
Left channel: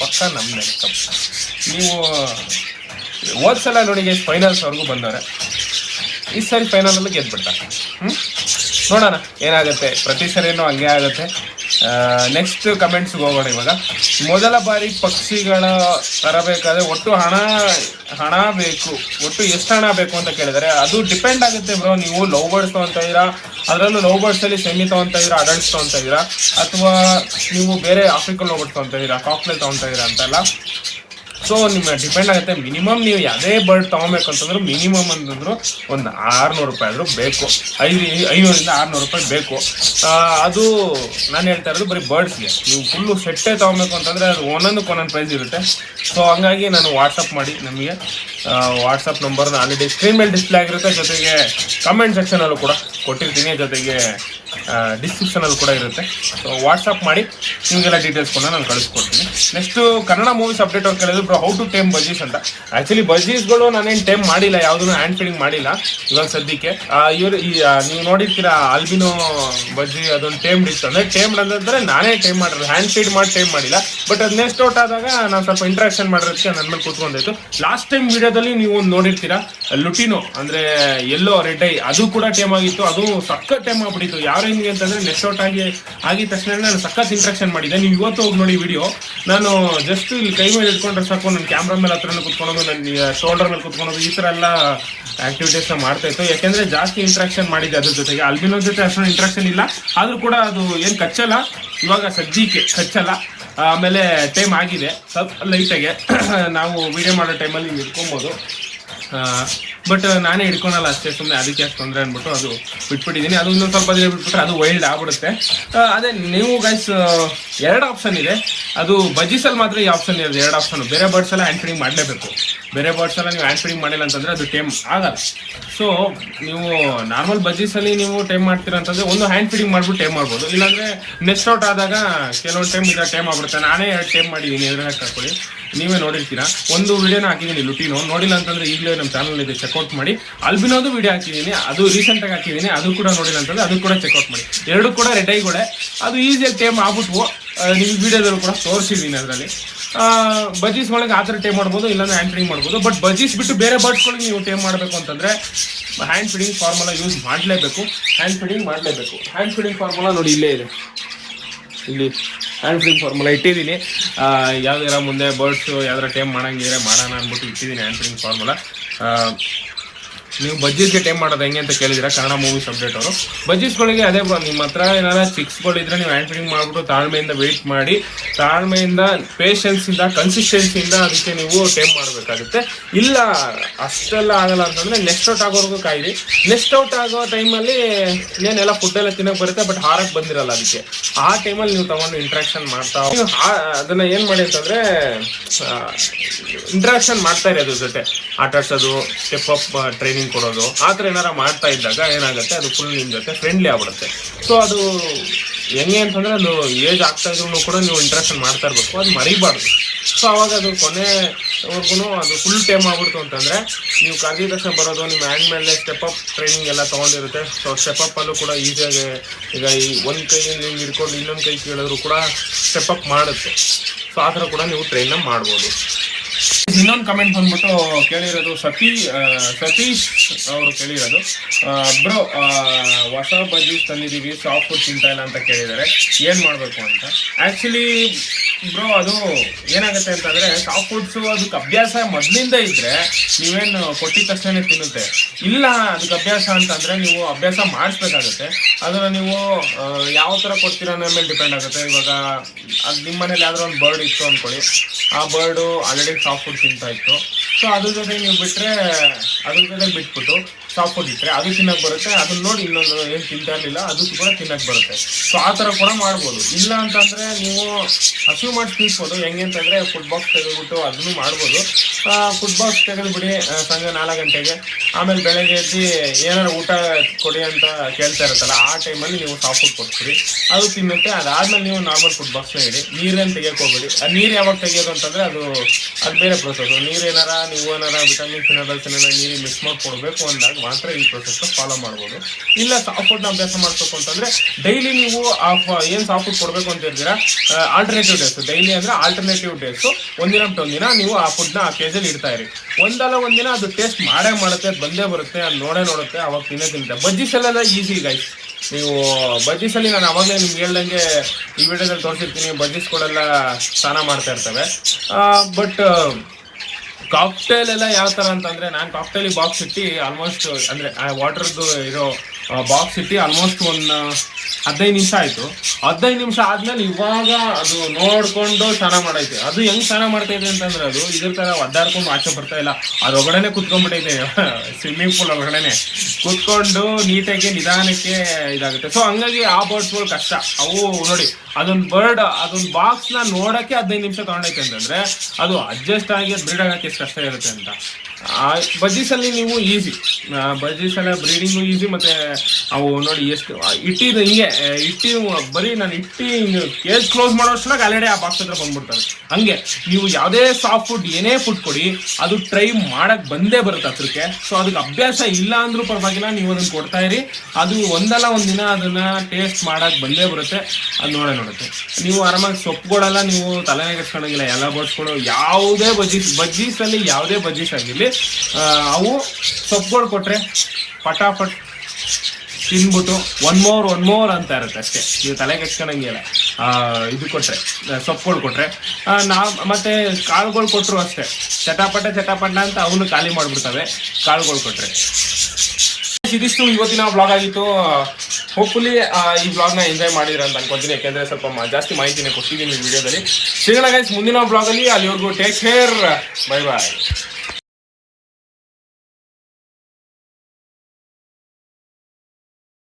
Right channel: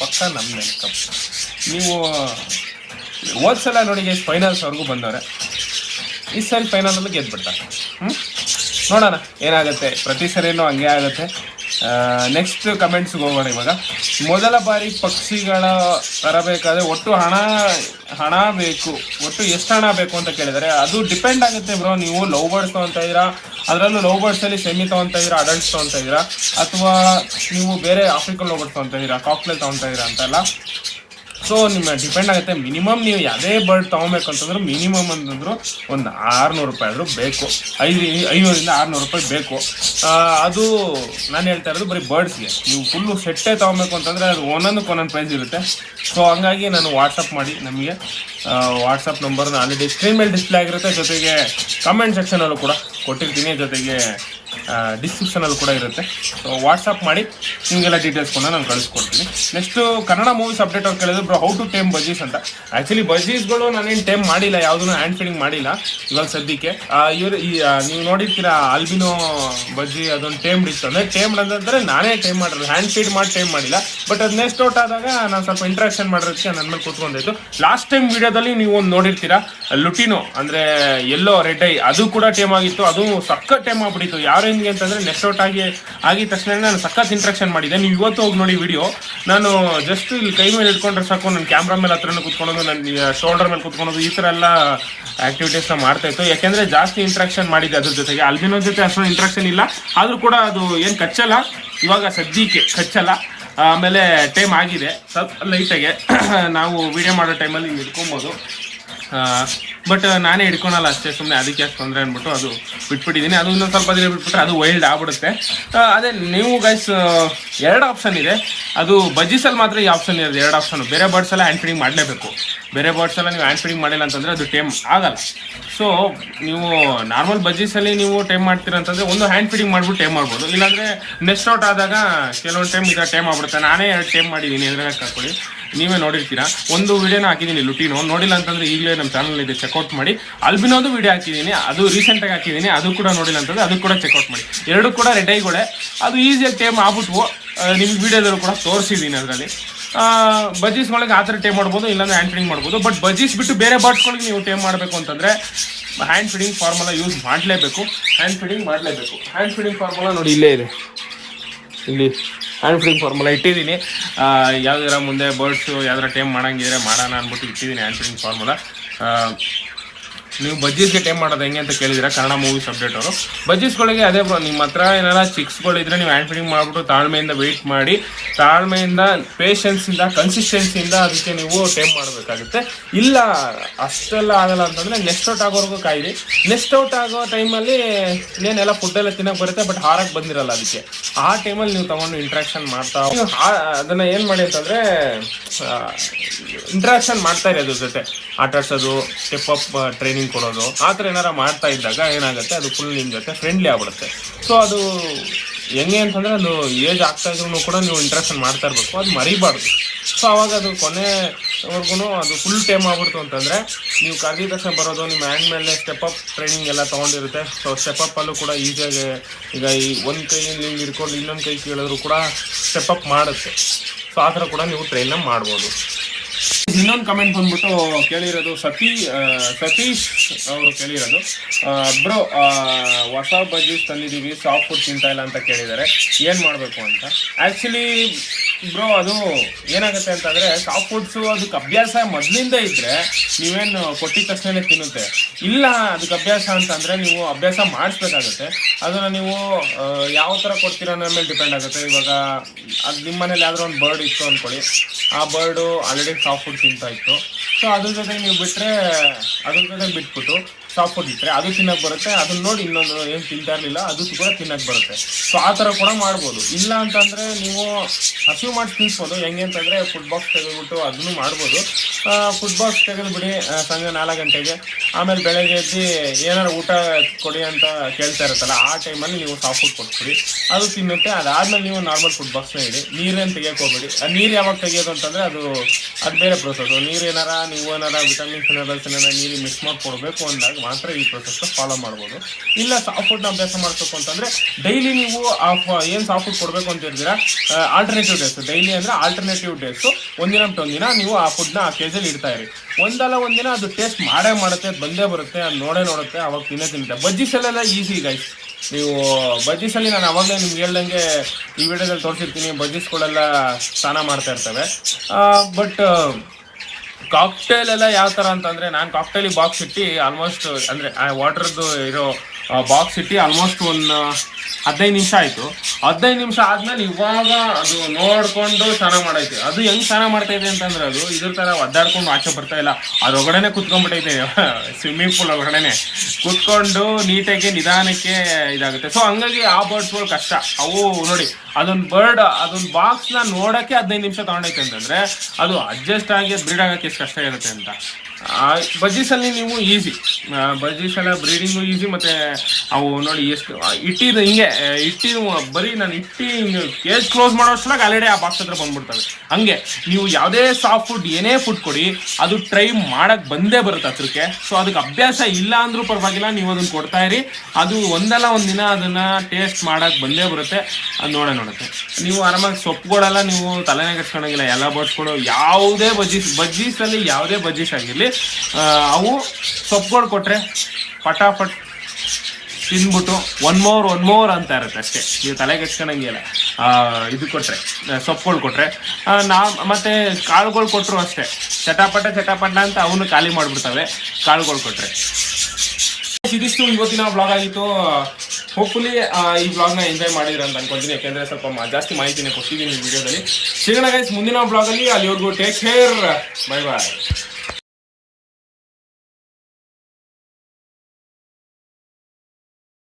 ಪಕ್ಕ ನಮ್ಮದೇ ಕಪ್. ನೀವು ಹೋದ ಸಲ ನೋಡಿ ಫೈನಲ್ಸ್ವರೆಗೂ ಬಂದವ್ರೆ, ಈ ಸರಿ ಫೈನಲಲ್ಲಿ ಗೆದ್ಬಿಡ್ತಾರೆ. ನೋಡೋಣ ಏನಾಗುತ್ತೆ. ಪ್ರತಿ ಸರಿನೂ ಹಂಗೆ ಆಗುತ್ತೆ. ನೆಕ್ಸ್ಟ್ ಕಮೆಂಟ್ಸ್ಗೆ ಹೋಗೋಣ. ಇವಾಗ ಮೊದಲ ಬಾರಿ ಪಕ್ಷಿಗಳ ತರಬೇಕಾದ್ರೆ ಒಟ್ಟು ಹಣ ಬೇಕು, ಒಟ್ಟು ಎಷ್ಟು ಹಣ ಬೇಕು ಅಂತ ಕೇಳಿದರೆ ಅದು ಡಿಪೆಂಡ್ ಆಗುತ್ತೆ ಬ್ರೋ. ನೀವು ಲವ್ ಬರ್ಡ್ಸ್ ತೊಗೊತಾ ಇದ್ದೀರಾ, ಅದರಲ್ಲೂ ಲವ್ ಬರ್ಡ್ಸಲ್ಲಿ ಸೆಮಿ ತೊಗೊತಾ ಇದ್ದೀರಾ, ಅಡಲ್ಟ್ಸ್ ತೊಗೊತಾ ಇದ್ದೀರಾ, ಅಥವಾ ನೀವು ಬೇರೆ ಆಫ್ರಿಕನ್ ಲವ್ ಬರ್ಡ್ಸ್ ತೊಗೊತಾ ಇದ್ದೀರಾ, ಕಾಕ್ಟೇಲ್ ತೊಗೊತಾ ಇದ್ದೀರಾ ಅಂತೆಲ್ಲ. ಸೊ ನಿಮ್ಮ ಡಿಪೆಂಡ್ ಆಗುತ್ತೆ. ಮಿನಿಮಮ್ ನೀವು ಯಾವುದೇ ಬರ್ಡ್ ತೊಗೊಬೇಕಂತಂದ್ರೆ ಮಿನಿಮಮ್ ಅಂತಂದ್ರು ಒಂದು 600 ರೂಪಾಯಿ ಆದರೂ ಬೇಕು, 500ರಿಂದ 600 ರೂಪಾಯಿ ಬೇಕು. ಅದು ನಾನು ಹೇಳ್ತಾ ಇರೋದು ಬರೀ ಬರ್ಡ್ಸ್ಗೆ. ನೀವು ಫುಲ್ಲು ಸೆಟ್ಟೇ ತೊಗೊಬೇಕು ಅಂತಂದರೆ ಅದು ಒಂದೊಂದು ಪ್ರೈಸ್ ಇರುತ್ತೆ. ಸೊ ಹಂಗಾಗಿ ನಾನು ವಾಟ್ಸಪ್ ಮಾಡಿ, ನಮಗೆ ವಾಟ್ಸಪ್ ನಂಬರ್ನ ಆಲ್ರೆಡಿ ಸ್ಕ್ರೀನ್ ಮೇಲೆ ಡಿಸ್ಪ್ಲೇ ಆಗಿರುತ್ತೆ, ಜೊತೆಗೆ ಕಮೆಂಟ್ ಸೆಕ್ಷನಲ್ಲೂ ಕೂಡ ಕೊಟ್ಟಿರ್ತೀನಿ, ಜೊತೆಗೆ ಡಿಸ್ಕ್ರಿಪ್ಷನಲ್ಲಿ ಕೂಡ ಇರುತ್ತೆ. ಸೊ ವಾಟ್ಸಪ್ ಮಾಡಿ ನಿಮಗೆಲ್ಲ ಡೀಟೇಲ್ಸ್ ಕೂಡ ನಾನು ಕಳಿಸ್ಕೊಡ್ತೀನಿ. ನೆಕ್ಸ್ಟು ಕನ್ನಡ ಮೂವೀಸ್ ಅಪ್ಡೇಟ್ ಅವ್ರು ಕೇಳಿದ್ರು ಬ್ರೋ, ಹೌ ಟು ಟೇಮ್ ಬಜೀಸ್ ಅಂತ. ಆ್ಯಕ್ಚುಲಿ ಬಜೀಸ್ಗಳು ನಾನೇನು ಟೇಮ್ ಮಾಡಿಲ್ಲ, ಯಾವುದೂ ಹ್ಯಾಂಡ್ ಫೀಡಿಂಗ್ ಮಾಡಿಲ್ಲ ಇವಾಗ ಸದ್ಯಕ್ಕೆ. ನೀವು ನೋಡಿರ್ತೀರಾ ಆಲ್ಬಿನೋ ಬಜ್ಜಿ, ಅದೊಂದು ಟೇಮ್ಡ್ ಇತ್ತು. ಅಂದರೆ ಟೇಮ್ಡ್ ಅಂತಂದರೆ ನಾನೇ ಟೇಮ್ ಮಾಡಿರೋದು, ಹ್ಯಾಂಡ್ ಫೀಡ್ ಮಾಡಿ ಟೇಮ್ ಮಾಡಿಲ್ಲ. ಬಟ್ ಅದು ನೆಕ್ಸ್ಟ್ ಔಟ್ ಆದಾಗ ನಾನು ಸ್ವಲ್ಪ ಇಂಟ್ರಾಕ್ಷನ್ ಮಾಡಿರೋದಕ್ಕೆ ನನ್ನ ಮೇಲೆ ಕೂತ್ಕೊಂಡಾಯ್ತು. ಲಾಸ್ಟ್ ಟೈಮ್ ವಿಡಿಯೋದಲ್ಲಿ ನೀವು ಒಂದು ನೋಡಿರ್ತೀರಾ, ಲುಟಿನೋ ಅಂದರೆ ಎಲ್ಲೋ ರೆಡ್ ಐ, ಅದು ಕೂಡ ಟೇಮ್ ಆಗಿತ್ತು. ಅದು ಸಕ್ಕ ಟೇಮ್ ಆಗ್ಬಿಟ್ಟಿತ್ತು. ಯಾರು ಹೆಂಗೆ ಅಂತಂದ್ರೆ ನೆಕ್ಸ್ಟ್ ಔಟ್ ಆಗಿದ ತಕ್ಷಣ ನಾನು ಸಖತ್ ಇಂಟ್ರಾಕ್ಷನ್ ಮಾಡಿದ್ದೆ. ನೀವು ಇವತ್ತು ಹೋಗಿ ನೋಡಿ ವಿಡಿಯೋ. ನಾನು ಜಸ್ಟ್ ಇಲ್ಲಿ ಕೈ ಮೇಲೆ ಇಟ್ಕೊಂಡ್ರೆ ಸಾಕು, ನನ್ನ ಕ್ಯಾಮ್ರಾ ಮೇಲೆ ಹತ್ರನೂ ಕುತ್ಕೊಳ್ಳೋದು, ನನ್ನ ಶೋಲ್ಡರ್ ಮೇಲೆ ಕುತ್ಕೊಳ್ಳೋದು, ಈ ಥರ ಎಲ್ಲ ಆಕ್ಟಿವಿಟೀಸ್ನ ಮಾಡ್ತಾ ಇತ್ತು. ಯಾಕೆಂದ್ರೆ ಜಾಸ್ತಿ ಇಂಟ್ರಾಕ್ಷನ್ ಮಾಡಿದ್ದೆ. ಅದ್ರ ಜೊತೆಗೆ ಅಲ್ಬಿನೋ ಜೊತೆ ಅಷ್ಟೊಂದು ಇಂಟ್ರಾಕ್ಷನ್ ಇಲ್ಲ, ಆದ್ರೂ ಕೂಡ ಅದು ಏನು ಕಚ್ಚಲ್ಲ ಇವಾಗ ಸದ್ಯಕ್ಕೆ, ಕಚ್ಚಲ್ಲ. ಆಮೇಲೆ ಟೈಮ್ ಆಗಿದೆ ಸ್ವಲ್ಪ ಲೈಟಾಗೆ ನಾವು ವಿಡಿಯೋ ಮಾಡೋ ಟೈಮಲ್ಲಿ ಹಿಂಗೆ ಇಟ್ಕೊಬೋದು. ಬಟ್ ನಾನೇ ಹಿಡ್ಕೊಳಲ್ಲ ಅಷ್ಟೇ, ಸುಮ್ಮನೆ ಅದಕ್ಕೆ ಅಷ್ಟು ತೊಂದರೆ ಅಂದ್ಬಿಟ್ಟು ಅದು ಬಿಟ್ಬಿಟ್ಟಿದ್ದೀನಿ. ಅದು ಇನ್ನೊಂದು ಸ್ವಲ್ಪ ದಿನ ಬಿಟ್ಬಿಟ್ರೆ ಅದು ವೈಲ್ಡ್ ಆಗ್ಬಿಡುತ್ತೆ. ಅದೇ ನೀವು ಗೈಸ್ 2 ಆಪ್ಷನ್ ಇದೆ. ಅದು ಬಜ್ಜೀಸಲ್ಲಿ ಮಾತ್ರ ಈ ಆಪ್ಷನ್ ಇರೋದು, 2 ಆಪ್ಷನ್. ಬೇರೆ ಬರ್ಡ್ಸ್ ಎಲ್ಲ ಹ್ಯಾಂಡ್ ಫೀಡಿಂಗ್ ಮಾಡಲೇಬೇಕು. ಬೇರೆ ಬರ್ಡ್ಸ್ ಎಲ್ಲ ನೀವು ಹ್ಯಾಂಡ್ ಫೀಡಿಂಗ್ ಮಾಡಿಲ್ಲ ಅಂತಂದರೆ ಅದು ಟೈಮ್ ಆಗಲ್ಲ. ಸೊ ನೀವು ನಾರ್ಮಲ್ ಬಜ್ಜೀಸಲ್ಲಿ ನೀವು ಟೈಮ್ ಮಾಡ್ತೀರ ಅಂತಂದರೆ ಒಂದು ಹ್ಯಾಂಡ್ ಫೀಡಿಂಗ್ ಮಾಡ್ಬಿಟ್ಟು ಟೈಮ್ ಮಾಡ್ಬೋದು. ಇಲ್ಲಾಂದರೆ ನೆಕ್ಸ್ಟ್ ಔಟ್ ಆದಾಗ ಕೆಲವೊಂದು ಟೈಮ್ ಈಗ ಟೈಮ್ ಆಗ್ಬಿಡುತ್ತೆ. ನಾನೇ ಟೈಮ್ ಮಾಡಿದ್ದೀನಿ, ಎದುರಾಗ ಕರ್ಕೊಳ್ಳಿ, ನೀವೇ ನೋಡಿರ್ತೀರಾ. ಒಂದು ವಿಡಿಯೋನ ಹಾಕಿದ್ದೀನಿ ಲುಟಿನೋ, ನೋಡಿಲ್ಲ ಅಂತಂದರೆ ಈಗಲೇ ನಮ್ಮ ಚಾನಲ್ ಇದೆ, ಚೆಕ್ಔಟ್ ಮಾಡಿ. ಅಲ್ಬಿನೋದು ವಿಡಿಯೋ ಹಾಕಿದ್ದೀನಿ, ಅದು ರೀಸೆಂಟಾಗಿ ಹಾಕಿದ್ದೀನಿ, ಅದು ಕೂಡ ನೋಡಿಲ್ಲ ಅಂತಂದರೆ ಅದು ಕೂಡ ಚೆಕ್ಔಟ್ ಮಾಡಿ. 2 ಕೂಡ ರೆಡ್ ಐಗಳೇ, ಅದು ಈಸಿಯಾಗಿ ಟೈಮ್ ಆಗ್ಬಿಟ್ವು. ನಿಮ್ಗೆ ವಿಡಿಯೋದಲ್ಲೂ ಕೂಡ ತೋರಿಸಿದ್ದೀನಿ. ಅದರಲ್ಲಿ ಬಜ್ಜೀಸ್ಗಳಿಗೆ ಆ ಥರ ಟೈಮ್ ಮಾಡ್ಬೋದು, ಇಲ್ಲಾಂದ್ರೆ ಹ್ಯಾಂಡ್ ಫೀಡಿಂಗ್ ಮಾಡ್ಬೋದು. ಬಟ್ ಬಜ್ಜೀಸ್ ಬಿಟ್ಟು ಬೇರೆ ಬರ್ಡ್ಸ್ಗಳಿಗೆ ನೀವು ಟೈಮ್ ಮಾಡಬೇಕು ಅಂತಂದರೆ ಹ್ಯಾಂಡ್ ಫೀಡಿಂಗ್ ಫಾರ್ಮುಲಾ ಯೂಸ್ ಮಾಡಲೇಬೇಕು. ಹ್ಯಾಂಡ್ ಫೀಡಿಂಗ್ ಮಾಡಲೇಬೇಕು. ಹ್ಯಾಂಡ್ ಫೀಡಿಂಗ್ ಫಾರ್ಮುಲಾ ನೋಡಿ ಇಲ್ಲೇ ಇದೆ, ಇಲ್ಲಿ ಹ್ಯಾಂಡ್ ಫೀಡಿಂಗ್ ಫಾರ್ಮುಲಾ ಇಟ್ಟಿದ್ದೀನಿ. ಯಾವ್ದಾರ ಮುಂದೆ ಬರ್ಡ್ಸು ಯಾವ್ದಾರ ಟೈಮ್ ಮಾಡಂಗಿದ್ರೆ ಮಾಡೋಣ ಅಂದ್ಬಿಟ್ಟು ಇಟ್ಟಿದ್ದೀನಿ ಹ್ಯಾಂಡ್ ಫೀಡಿಂಗ್ ಫಾರ್ಮುಲಾ. ನೀವು ಬಜ್ಜೀಸ್ಗೆ ಟೈಮ್ ಮಾಡೋದು ಹೆಂಗೆ ಅಂತ ಕೇಳಿದ್ರೆ ಕನ್ನಡ ಮೂವೀಸ್ ಅಪ್ಡೇಟ್ ಅವರು. ಬಜ್ಜೀಸ್ಗಳಿಗೆ ಅದೇ ಬ್ರೋ, ನಿಮ್ಮ ಹತ್ರ ಏನಾರ ಚಿಕ್ಸ್ಗಳಿದ್ರೆ ನೀವು ಹ್ಯಾಂಡ್ ಫೀಡಿಂಗ್ ಮಾಡಿಬಿಟ್ಟು ತಾಳ್ಮೆಯಿಂದ ವೆಯ್ಟ್ ಮಾಡಿ, ತಾಳ್ಮೆಯಿಂದ, ಪೇಷನ್ಸಿಂದ, ಕನ್ಸಿಸ್ಟೆನ್ಸಿಯಿಂದ ಅದಕ್ಕೆ ನೀವು ಟೈಮ್ ಮಾಡಬೇಕಾಗುತ್ತೆ. ಇಲ್ಲ ಅಷ್ಟೆಲ್ಲ ಆಗಲ್ಲ ಅಂತಂದರೆ ನೆಕ್ಸ್ಟ್ ಔಟ್ ಆಗೋವರೆಗೂ ಕಾಯಿರಿ. ನೆಕ್ಸ್ಟ್ ಔಟ್ ಆಗೋ ಟೈಮಲ್ಲಿ ಇನ್ನೇನೆಲ್ಲ ಫುಡ್ಡೆಲ್ಲ ತಿನ್ನೋಕೆ ಬರುತ್ತೆ, ಬಟ್ ಹಾರಕ್ಕೆ ಬಂದಿರಲ್ಲ. ಅದಕ್ಕೆ ಆ ಟೈಮಲ್ಲಿ ನೀವು ತೊಗೊಂಡು ಇಂಟ್ರಾಕ್ಷನ್ ಮಾಡ್ತಾ ಅದನ್ನು ಏನು ಮಾಡಿ ಅಂತಂದರೆ ಇಂಟ್ರಾಕ್ಷನ್ ಮಾಡ್ತಾ ಇರಿ. ಅದ್ರ ಜೊತೆ ಆಟ ಆಡ್ಸೋದು, ಸ್ಟೆಪ್ ಅಪ್ ಟ್ರೈನಿಂಗ್ ಕೊಡೋದು, ಆ ಥರ ಏನಾರ ಮಾಡ್ತಾ ಇದ್ದಾಗ ಏನಾಗುತ್ತೆ, ಅದು ಫುಲ್ ನಿಮ್ಮ ಜೊತೆ ಫ್ರೆಂಡ್ಲಿ ಆಗ್ಬಿಡುತ್ತೆ. ಸೊ ಅದು ಹೆಂಗೆ ಅಂತಂದರೆ ಅದು ಏಜ್ ಆಗ್ತಾ ಇದ್ರೂ ಕೂಡ ನೀವು ಇಂಟ್ರಾಕ್ಷನ್ ಮಾಡ್ತಾ ಇರಬೇಕು, ಅದು ಮರಿಬಾರ್ದು. ಸೊ ಅವಾಗ ಅದು ಕೊನೆವರೆಗೂ ಅದು ಫುಲ್ ಟೈಮ್ ಆಗ್ಬಿಡ್ತು ಅಂತಂದರೆ ನೀವು ಕರೆದಿದ ತಕ್ಷಣ ಬರೋದು, ನಿಮ್ಮ ಹ್ಯಾಂಡ್ ಮೇಲೆ ಸ್ಟೆಪ್ ಅಪ್ ಟ್ರೈನಿಂಗ್ ಎಲ್ಲ ತೊಗೊಂಡಿರುತ್ತೆ. ಸೊ ಸ್ಟೆಪ್ ಅಪ್ಪಲ್ಲೂ ಕೂಡ ಈಸಿಯಾಗಿ ಈಗ ಈ ಒಂದು ಕೈಯಿಂದ ಹಿಂಗೆ ಹಿಡ್ಕೊಂಡು ಇನ್ನೊಂದು ಕೈ ಕೇಳಿದ್ರು ಕೂಡ ಸ್ಟೆಪ್ ಅಪ್ ಮಾಡುತ್ತೆ. ಸೊ ಆ ಥರ ಕೂಡ ನೀವು ಟ್ರೈನ್ನ ಮಾಡ್ಬೋದು. ಇನ್ನೊಂದು ಕಮೆಂಟ್ ಬಂದ್ಬಿಟ್ಟು ಕೇಳಿರೋದು ಸತೀಶ್ ಅವರು ಕೇಳಿರೋದು, ಬ್ರೋ ಹೊಸ ಬಜ್ಜೀಸ್ ತಂದಿದ್ದೀವಿ, ಸಾಫ್ಟ್ ಫುಡ್ ತಿಂತಾ ಇಲ್ಲ ಅಂತ ಕೇಳಿದ್ದಾರೆ, ಏನು ಮಾಡಬೇಕು ಅಂತ. ಆ್ಯಕ್ಚುಲಿ ಬ್ರೋ ಅದು ಏನಾಗುತ್ತೆ ಅಂತಂದರೆ ಸಾಫ್ಟ್ ಫುಡ್ಸು ಅದಕ್ಕೆ ಅಭ್ಯಾಸ ಮೊದಲಿಂದ ಇದ್ದರೆ ನೀವೇನು ಕೊಟ್ಟಿದ ತಕ್ಷಣ ತಿನ್ನುತ್ತೆ. ಇಲ್ಲ ಅದಕ್ಕೆ ಅಭ್ಯಾಸ ಅಂತಂದರೆ ನೀವು ಅಭ್ಯಾಸ ಮಾಡಿಸ್ಬೇಕಾಗುತ್ತೆ. ಅದನ್ನು ನೀವು ಯಾವ ಥರ ಕೊಡ್ತೀರ ಅನ್ನೋ ಮೇಲೆ ಡಿಪೆಂಡ್ ಆಗುತ್ತೆ. ಇವಾಗ ಅದು ನಿಮ್ಮ ಮನೇಲಿ ಯಾವ್ದಾರು ಒಂದು ಬರ್ಡ್ ಇತ್ತು ಅಂದ್ಕೊಳ್ಳಿ, ಆ ಬರ್ಡು ಆಲ್ರೆಡಿ ಸಾಫ್ಟ್ ಫುಡ್ ತಿಂತಾ ಇತ್ತು. ಸೊ ಅದ್ರ ಜೊತೆಗೆ ನೀವು ಬಿಟ್ಟರೆ, ಅದ್ರ ಜೊತೆಗೆ ಬಿಟ್ಬಿಟ್ಟು ಸಾಫ್ಟ್ ಫುಡ್ ಇಟ್ಟರೆ ಅದು ತಿನ್ನಕ್ಕೆ ಬರುತ್ತೆ. ಅದನ್ನ ನೋಡಿ ಇನ್ನೊಂದು ಏನು ತಿಂತಾ ಇರಲಿಲ್ಲ ಅದು ಕೂಡ ತಿನ್ನಕ್ಕೆ ಬರುತ್ತೆ. ಸೊ ಆ ಥರ ಕೂಡ ಮಾಡ್ಬೋದು. ಇಲ್ಲ ಅಂತಂದರೆ ನೀವು ಹಸಿವು ಮಾಡಿ ತಿನ್ನಿಸ್ಬೋದು. ಹೆಂಗೆ ಅಂತಂದರೆ ಫುಡ್ ಬಾಕ್ಸ್ ತೆಗೆದುಬಿಟ್ಟು ಅದನ್ನು ಮಾಡ್ಬೋದು. ಫುಡ್ ಬಾಕ್ಸ್ ತೆಗೆದುಬಿಡಿ ಸಂಜೆ 4 ಗಂಟೆಗೆ. ಆಮೇಲೆ ಬೆಳಗ್ಗೆ ಎದ್ದು ಏನಾರು ಊಟ ಕೊಡಿ ಅಂತ ಕೇಳ್ತಾ ಇರುತ್ತಲ್ಲ, ಆ ಟೈಮಲ್ಲಿ ನೀವು ಸಾಫ್ಟ್ ಫುಡ್ ಕೊಟ್ಬಿಡಿ, ಅದು ತಿನ್ನುತ್ತೆ. ಅದಾದಮೇಲೆ ನೀವು ನಾರ್ಮಲ್ ಫುಡ್ ಬಾಕ್ಸ್ನ ಇಡಿ. ನೀರೇನು ತೆಗಿಯೋಕೆ ಹೋಗ್ಬೇಡಿ. ನೀರು ಯಾವಾಗ ತೆಗಿಯೋದು ಅಂತಂದರೆ ಅದು ಬೇರೆ ಪ್ರೊಸೆಸ್ಸು. ನೀರು ನೀವು ಏನಾರ ವಿಟಮಿನ್ಸ್ ಮಿನರಲ್ಸ್ ನೀರಿಗೆ ಮಿಕ್ಸ್ ಮಾಡಿ ಕೊಡಬೇಕು ಅಂದಾಗ ಮಾತ್ರ ಈ ಪ್ರೊಸೆಸ್ನ ಫಾಲೋ ಮಾಡ್ಬೋದು. ಇಲ್ಲ ಸಾಫ್ಟ್ ಫುಡ್ನ ಅಭ್ಯಾಸ ಮಾಡಬೇಕು ಅಂತಂದರೆ ಡೈಲಿ ನೀವು ಏನು ಸಾಫ್ಟ್ ಫುಡ್ ಕೊಡಬೇಕು ಅಂತ ಹೇಳ್ತೀರಾ, ಆಲ್ಟರ್ನೇಟಿವ್ ಡೇಸ್, ಡೈಲಿ ಅಂದರೆ ಆಲ್ಟರ್ನೇಟಿವ್ ಡೇಸು ಒಂದಿನ ಬಿಟ್ಟು ಒಂದಿನ ನೀವು ಆ ಫುಡ್ನ ಆ ಕೇಜಲ್ಲಿ ಇಡ್ತಾ ಇರಿ. ಒಂದಲ್ಲ ಒಂದಿನ ಅದು ಟೇಸ್ಟ್ ಮಾಡೇ ಮಾಡುತ್ತೆ, ಬಂದೇ ಬರುತ್ತೆ, ಅದು ನೋಡುತ್ತೆ, ಅವಾಗ ತಿನ್ನುತ್ತೆ. ಬಜ್ಜೀಸಲ್ಲೆಲ್ಲ ಈಸಿ ಗೈಸ್. ನೀವು ಬಜ್ಜೀಸಲ್ಲಿ ನಾನು ಅವಾಗಲೇ ನಿಮ್ಗೆ ಹೇಳ್ದಂಗೆ ಈ ವಿಡಿಯೋದಲ್ಲಿ ತೋರಿಸಿರ್ತೀನಿ, ಬಜ್ಜೀಸ್ಗಳೆಲ್ಲ ಸ್ನಾನ ಮಾಡ್ತಾ ಇರ್ತವೆ. ಬಟ್ ಕಾಕ್ಟೇಲ್ ಎಲ್ಲ ಯಾವ ಥರ ಅಂತಂದರೆ, ನಾನು ಕಾಕ್ಟೇಲಿಗೆ ಬಾಕ್ಸ್ ಇಟ್ಟು ಆಲ್ಮೋಸ್ಟ್ ಅಂದರೆ ವಾಟರ್ದು ಇರೋ ಬಾಕ್ಸ್ ಇಟ್ಟು ಆಲ್ಮೋಸ್ಟ್ ಒಂದು 15 ನಿಮಿಷ ಆಯಿತು. 15 ನಿಮಿಷ ಆದಮೇಲೆ ಇವಾಗ ಅದು ನೋಡಿಕೊಂಡು ಸ್ನಾನ ಮಾಡೈತೆ. ಅದು ಹೆಂಗೆ ಸ್ನಾನ ಮಾಡ್ತಾಯಿದೆ ಅಂತಂದರೆ ಅದು ಇದ್ರ ಥರ ಒದ್ದಾಡ್ಕೊಂಡು ಆಚೆ ಬರ್ತಾ ಇಲ್ಲ, ಅದರೊಳಗಡೆ ಕುತ್ಕೊಂಡ್ಬಿಟ್ಟೈತೆ. ಸ್ವಿಮ್ಮಿಂಗ್ ಪೂಲ್ ಒಳಗಡೆ ಕುತ್ಕೊಂಡು ನೀಟಾಗಿ ನಿಧಾನಕ್ಕೆ ಇದಾಗುತ್ತೆ. ಸೊ ಹಂಗಾಗಿ ಆ ಬರ್ಡ್ಸ್ಗಳು ಕಷ್ಟ. ಅವು ನೋಡಿ, ಅದೊಂದು ಬಾಕ್ಸ್ನ ನೋಡೋಕ್ಕೆ 15 ನಿಮಿಷ ತೊಗೊಂಡೈತೆ ಅಂತಂದರೆ ಅದು ಅಡ್ಜಸ್ಟ್ ಆಗಿ ಬ್ರೀಡ್ ಆಗೋಕ್ಕೆ ಎಷ್ಟು ಕಷ್ಟ ಇರುತ್ತೆ ಅಂತ. ಬಜ್ಜೀಸಲ್ಲಿ ನೀವು ಈಸಿ, ಬಜ್ಜೀಸೆಲ್ಲ ಬ್ರೀಡಿಂಗು ಈಸಿ. ಮತ್ತು ಅವು ನೋಡಿ ಎಷ್ಟು ಇಟ್ಟಿದ್ದು ಹಿಂಗೆ ಬರೀ ನಾನು ಹಿಂಗೆ ಕೇಜ್ ಕ್ಲೋಸ್ ಮಾಡೋಷ್ಟಾಗ ಆಲ್ರೆಡಿ ಆ ಬಾಕ್ಸ್ ಹತ್ರ ಬಂದ್ಬಿಡ್ತವೆ. ಹಂಗೆ ನೀವು ಯಾವುದೇ ಸಾಫ್ಟ್ ಫುಡ್ ಏನೇ ಫುಡ್ ಕೊಡಿ ಅದು ಟ್ರೈ ಮಾಡೋಕ್ಕೆ ಬಂದೇ ಬರುತ್ತೆ ಹತ್ರಕ್ಕೆ. ಸೊ ಅದಕ್ಕೆ ಅಭ್ಯಾಸ ಇಲ್ಲ ಅಂದರೂ ಪರವಾಗಿಲ್ಲ, ನೀವು ಅದನ್ನು ಕೊಡ್ತಾ ಇರಿ. ಅದು ಒಂದಲ್ಲ ಒಂದು ದಿನ ಅದನ್ನು ಟೇಸ್ಟ್ ಮಾಡೋಕ್ಕೆ ಬಂದೇ ಬರುತ್ತೆ, ಅದು ನೋಡುತ್ತೆ. ನೀವು ಆರಾಮಾಗಿ ಸೊಪ್ಪುಗಳೆಲ್ಲ ನೀವು ತಲೆನೇ ಕೆಡ್ಸ್ಕೊಳಂಗಿಲ್ಲ. ಎಲ್ಲ ಬರ್ಡ್ಸ್ಗಳು ಯಾವುದೇ ಬಜ್ಜೀಸಲ್ಲಿ ಯಾವುದೇ ಬಜ್ಜೀಸ್ ಆಗಿರಲಿ, ಅವು ಸೊಪ್ಪುಗಳು ಕೊಟ್ಟರೆ ಫಟಾಫಟ್ ತಿನ್ಬಿಟ್ಟು ಒನ್ ಮೋರ್ ಅಂತ ಇರುತ್ತೆ ಅಷ್ಟೇ. ನೀವು ತಲೆ ಕೆಡ್ಸ್ಕೊಂಡಂಗಿಲ್ಲ. ಇದು ಕೊಟ್ರೆ, ಸೊಪ್ಪುಗಳು ಕೊಟ್ರೆ, ಮತ್ತೆ ಕಾಳುಗಳು ಕೊಟ್ಟರು ಅಷ್ಟೇ, ಚಟಾಪಟ ಅಂತ ಅವನು ಖಾಲಿ ಮಾಡ್ಬಿಡ್ತವೆ ಕಾಳುಗಳು ಕೊಟ್ರೆ. ಇದಿಷ್ಟು ಇವತ್ತಿನ ಬ್ಲಾಗ್ ಆಗಿತ್ತು. ಹೋಪ್ಫುಲಿ ಈ ಬ್ಲಾಗ್ನ ಎಂಜಾಯ್ ಮಾಡಿದ್ರೆ ಅಂತ ಅನ್ಕೊಂತೀನಿ, ಯಾಕೆಂದ್ರೆ ಸ್ವಲ್ಪ ಜಾಸ್ತಿ ಮಾಹಿತಿನೇ ಕೊಟ್ಟಿದ್ದೀನಿ ಈ ವಿಡಿಯೋದಲ್ಲಿ. ಸಿಗೋಣ ಗೈಸ್ ಮುಂದಿನ ಬ್ಲಾಗಲ್ಲಿ. ಅಲ್ಲಿವರೆಗೂ ಟೇಕ್ ಕೇರ್, ಬೈ ಬಾಯ್.